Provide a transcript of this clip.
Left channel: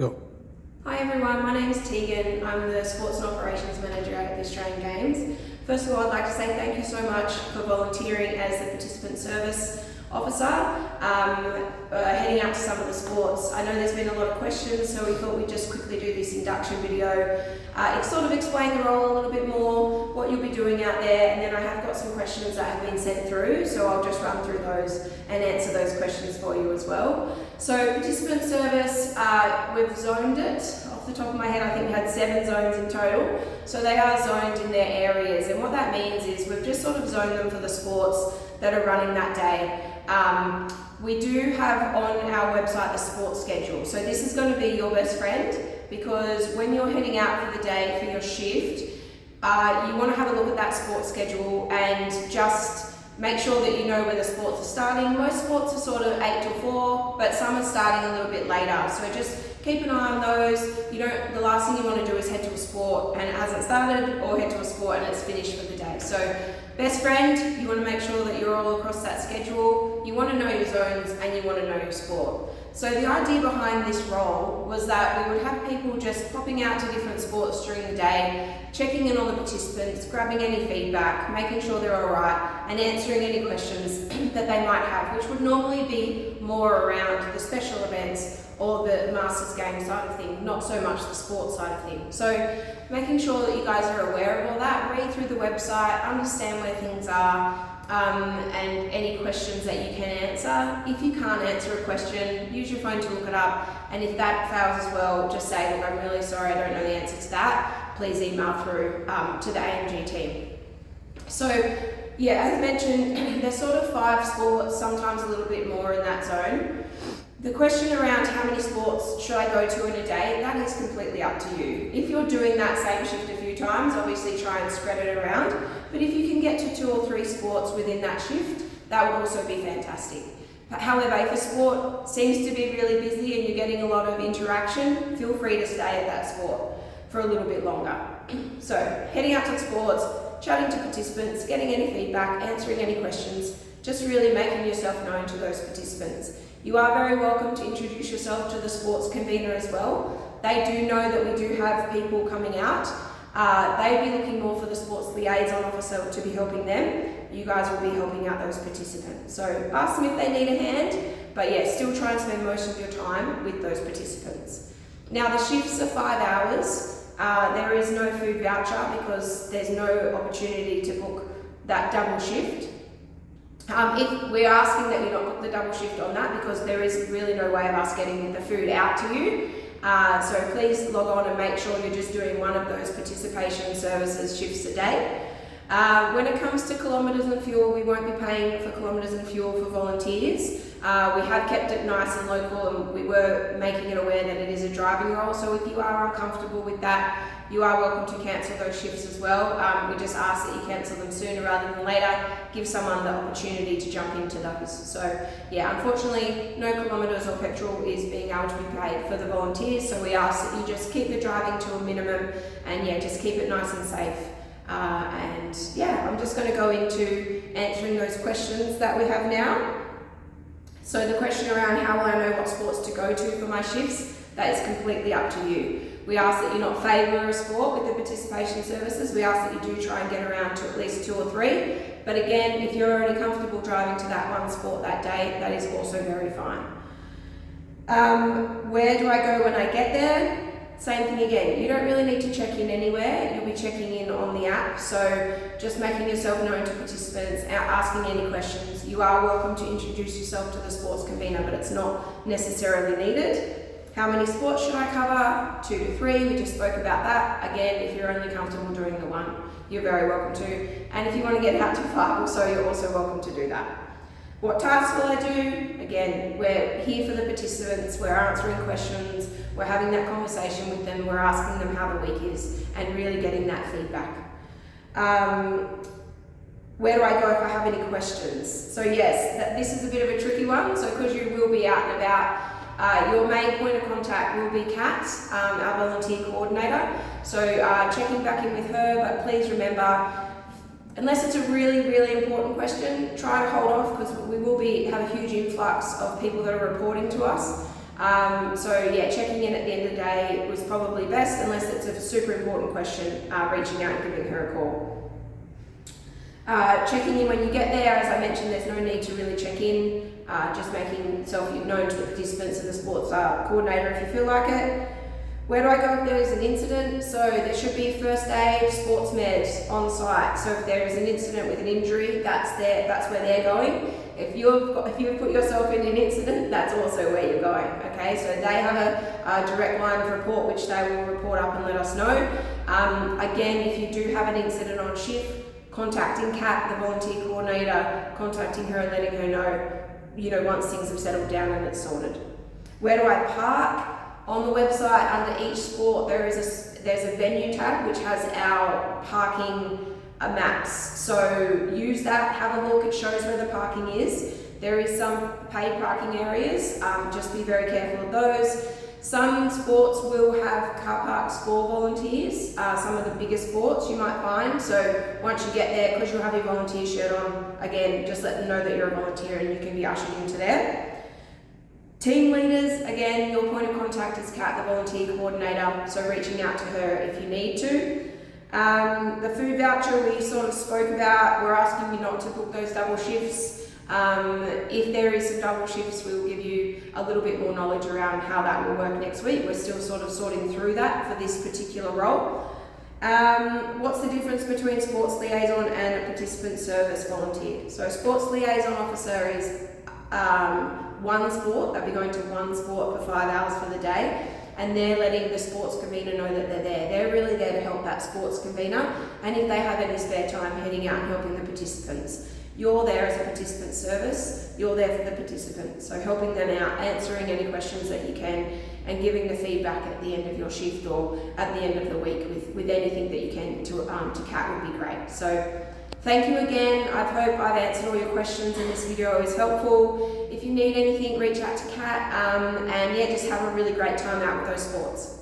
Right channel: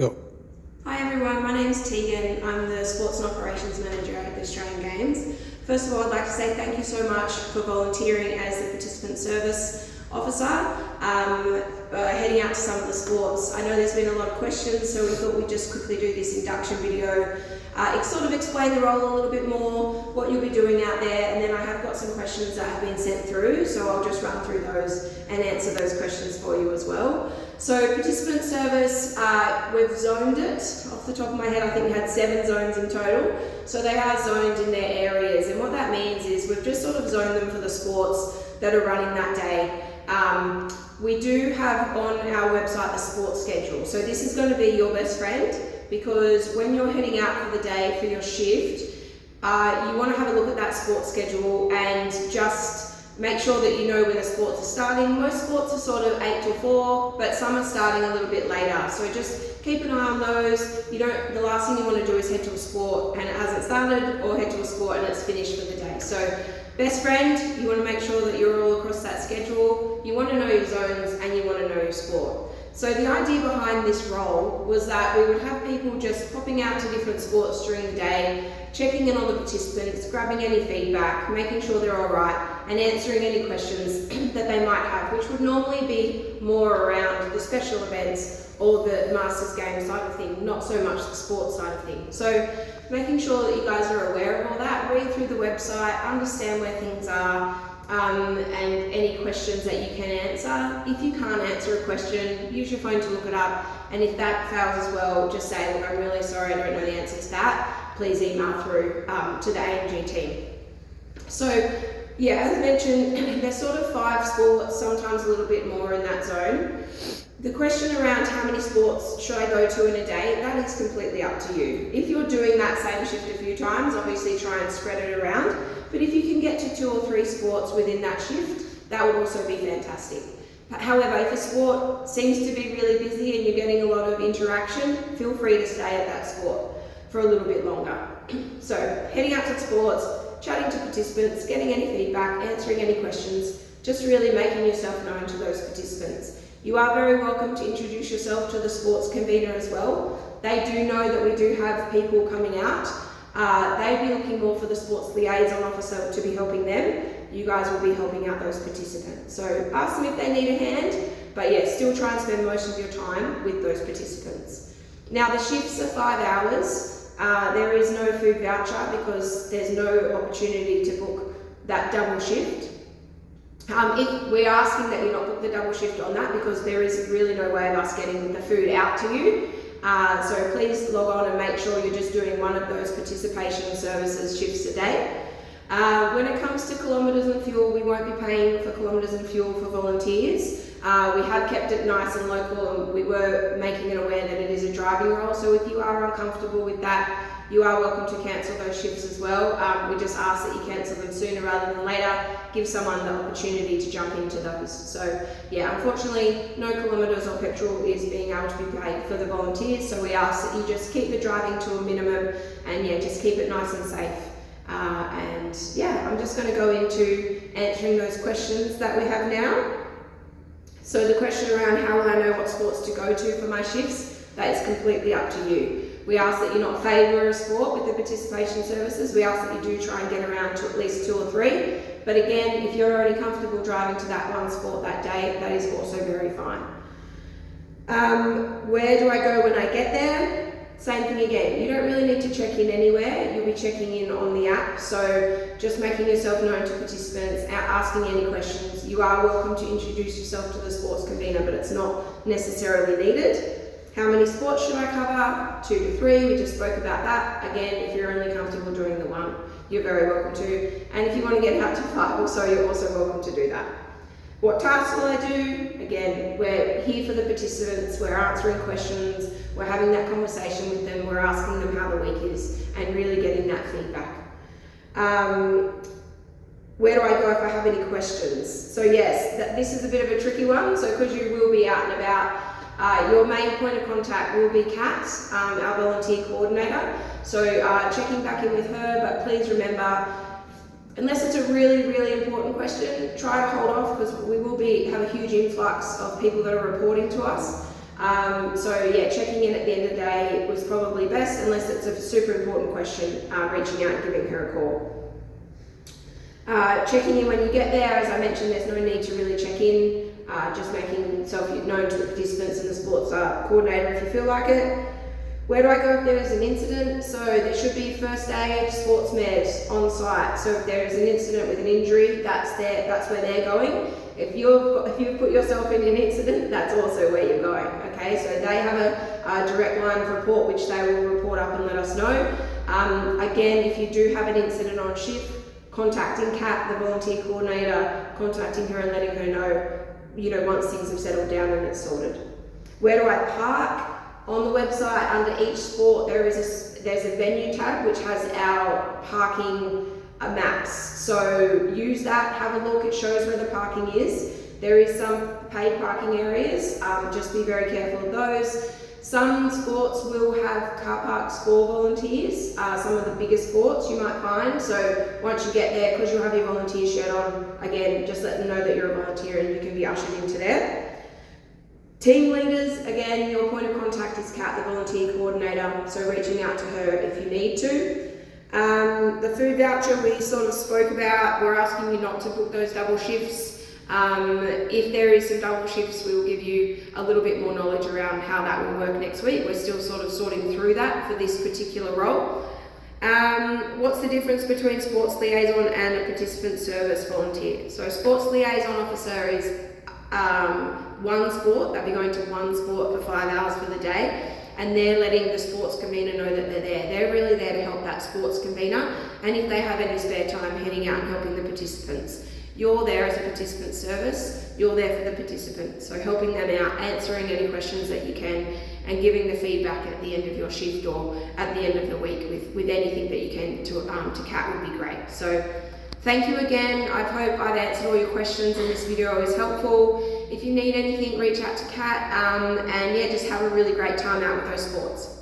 Go. Hi everyone, my name is Tegan. I'm the Sports and Operations Manager at the Australian Games. First of all, I'd like to say thank you so much for volunteering as the Participant Service Officer, heading out to some of the sports. I know there's been a lot of questions, so we thought we'd just quickly do this induction video. Sort of explain the role a little bit more, what you'll be doing out there, and then I have got some questions that have been sent through, so I'll just run through those and answer those questions for you as well. So Participant Service, we've zoned it. Off the top of my head, I think we had 7 zones in total. So they are zoned in their areas, and what that means is we've just sort of zoned them for the sports that are running that day. We do have on our website the sports schedule. So this is going to be your best friend, because when you're heading out for the day for your shift, you want to have a look at that sports schedule and just make sure that you know when the sports are starting. Most sports are sort of 8 till 4, but some are starting a little bit later. So just keep an eye on those. The last thing you want to do is head to a sport and it hasn't started, or head to a sport and it's finished for the day. So best friend, you want to make sure that you're all across that schedule. You want to know your zones and you want to know your sport. So the idea behind this role was that we would have people just popping out to different sports during the day, checking in on the participants, grabbing any feedback, making sure they're all right, and answering any questions that they might have, which would normally be more around the special events or the Masters game side of things, not so much the sports side of things. So making sure that you guys are aware of all that, read through the website, understand where things are, and any questions that you can answer. If you can't answer a question, use your phone to look it up, and if that fails as well, just say, look, I'm really sorry, I don't know the answer to that. Please email through to the AMG team. So yeah, as mentioned, there's sort of 5 sports, sometimes a little bit more in that zone. The question around how many sports should I go to in a day, that is completely up to you. If you're doing that same shift a few times, obviously try and spread it around. But if you can get to 2 or 3 sports within that shift, that would also be fantastic. However, if a sport seems to be really busy and you're getting a lot of interaction, feel free to stay at that sport for a little bit longer. So heading out to sports, chatting to participants, getting any feedback, answering any questions, just really making yourself known to those participants. You are very welcome to introduce yourself to the sports convener as well. They do know that we do have people coming out. They'd be looking more for the sports liaison officer to be helping them. You guys will be helping out those participants. So ask them if they need a hand, but yeah, still try and spend most of your time with those participants. Now the shifts are 5 hours. There is no food voucher because there's no opportunity to book that double shift. If we're asking that you not book the double shift on that, because there is really no way of us getting the food out to you. So please log on and make sure you're just doing one of those participation services shifts a day. When it comes to kilometres and fuel, we won't be paying for kilometres and fuel for volunteers. We have kept it nice and local, and we were making it aware that it is a driving role. So if you are uncomfortable with that, you are welcome to cancel those shifts as well. We just ask that you cancel them sooner rather than later. Give someone the opportunity to jump into those. So yeah, unfortunately, no kilometres or petrol is being able to be paid for the volunteers. So we ask that you just keep the driving to a minimum, and yeah, just keep it nice and safe. And yeah, I'm just going to go into answering those questions that we have now. So the question around how will I know what sports to go to for my shifts, that is completely up to you. We ask that you not favour a sport with the participation services. We ask that you do try and get around to at least 2 or 3. But again, if you're already comfortable driving to that one sport that day, that is also very fine. Where do I go when I get there? Same thing again. You don't really need to check in anywhere. You'll be checking in on the app. So just making yourself known to participants, asking any questions. You are welcome to introduce yourself to the sports convener, but it's not necessarily needed. How many sports should I cover? 2 to 3, we just spoke about that. Again, if you're only comfortable doing the one, you're very welcome to. And if you want to get out to 5 or so, you're also welcome to do that. What tasks will I do? Again, we're here for the participants, we're answering questions, we're having that conversation with them, we're asking them how the week is, and really getting that feedback. Where do I go if I have any questions? So yes, this is a bit of a tricky one, so because you will be out and about, your main point of contact will be Kat, our volunteer coordinator. So checking back in with her, but please remember, unless it's a really, really important question, try to hold off, because we will have a huge influx of people that are reporting to us. So yeah, checking in at the end of the day was probably best, unless it's a super important question, reaching out and giving her a call. Checking in when you get there, as I mentioned, there's no need to really check in, just making yourself known to the participants and the sports coordinator if you feel like it. Where do I go if there is an incident? So there should be first aid, sports med on site. So if there is an incident with an injury, that's where they're going. If you've put yourself in an incident, that's also where you're going. Okay, so they have a direct line of report which they will report up and let us know. Again, if you do have an incident on shift, contacting Kat, the volunteer coordinator, contacting her and letting her know, once things have settled down and it's sorted. Where do I park? On the website, under each sport, there's a venue tab which has our parking maps. So use that, have a look, it shows where the parking is. There is some paid parking areas, just be very careful of those. Some sports will have car parks for volunteers, some of the bigger sports you might find. So once you get there, because you'll have your volunteer shirt on, again, just let them know that you're a volunteer and you can be ushered into there. Team leaders, again, your point of contact is Kat, the volunteer coordinator, so reaching out to her if you need to. The food voucher we sort of spoke about, we're asking you not to book those double shifts. If there is some double shifts, we'll give you a little bit more knowledge around how that will work next week. We're still sort of sorting through that for this particular role. What's the difference between sports liaison and a participant service volunteer? So sports liaison officer is one sport, they'll be going to one sport for 5 hours for the day, and they're letting the sports convener know that they're there. They're really there to help that sports convener, and if they have any spare time, heading out and helping the participants. You're there as a participant service, you're there for the participants, so helping them out, answering any questions that you can, and giving the feedback at the end of your shift or at the end of the week with anything that you can to Kat would be great. So thank you again. I hope I've answered all your questions and this video is helpful. If you need anything, reach out to Kat, and yeah, just have a really great time out with those sports.